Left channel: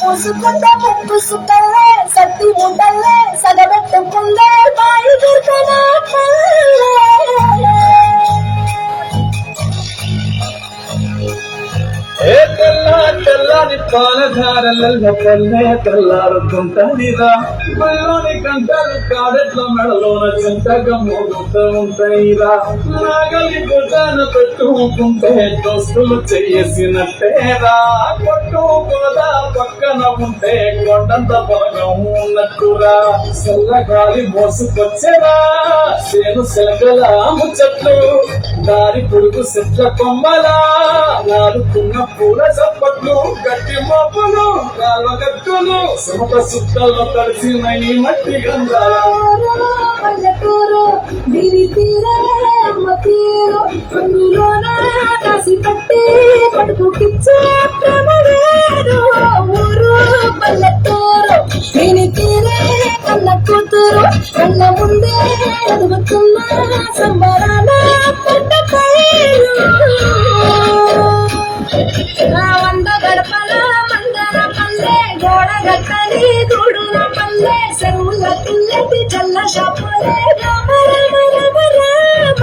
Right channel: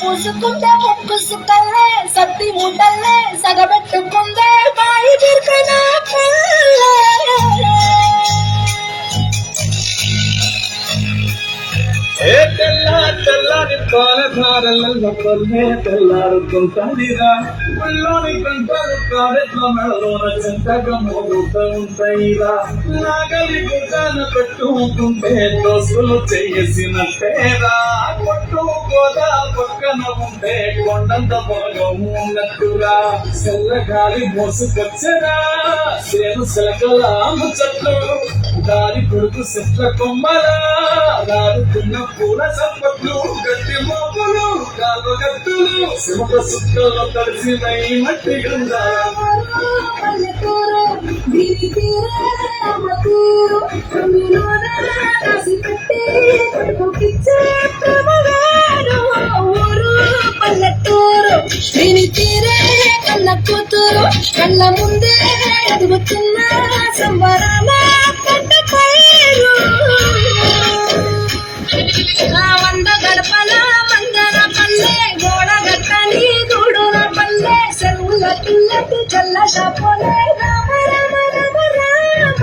పూసుకుంటే ముక్కు సుక్కల్లే సత్తి ముద్దల్లే సగబెట్టుకుందే బాయి బిర్కనా పల్లె తెల్లారి పాలధారల పల్లె తెల్లారుతుంటదిరా బళ్ళోని గంటలు కారెట్ల మెడలోన చింతగా మోగుతూ ఉంటాయిరా నాగలి గుడ్డన పెట్టుకుంటే దోస్తులు చేసినట్టేరా కొట్టు గోదా పక్కన ఉంటే కొండంత బలగం ఉన్నట్టురా చల్లగాలి మోసుకొచ్చేరా సేను సెలకల ముచ్చట్లు దారి పొడుగు చెట్ల కొమ్మలా రాడుతున్న పూల చప్పట్లు గట్టి మోపులు కాల్వగట్టులు సుమత సుక్కల్లో తడిసిన ఈ మట్టి గంధాలు పల్లెటూరు దీని తీరే అమ్మ తీరు అందులోన దాసి పట్టి పట్టుకిచ్చే ప్రమవేరు ఊరు పల్లెటూరు దీని తీరే కన్న కూతురు కళ్ళ ముందే ఎదుగుతున్న సంబరాల పంట పైరు వంద గడపల మందన పల్లె గోడ గట్టని గూడున పల్లె చెరువుల తుల్లటి చల్ల షాపోలే రామ రామ రామ రామ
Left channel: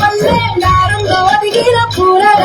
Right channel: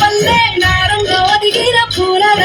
పల్లె నారంగ ఒదిగిన పూల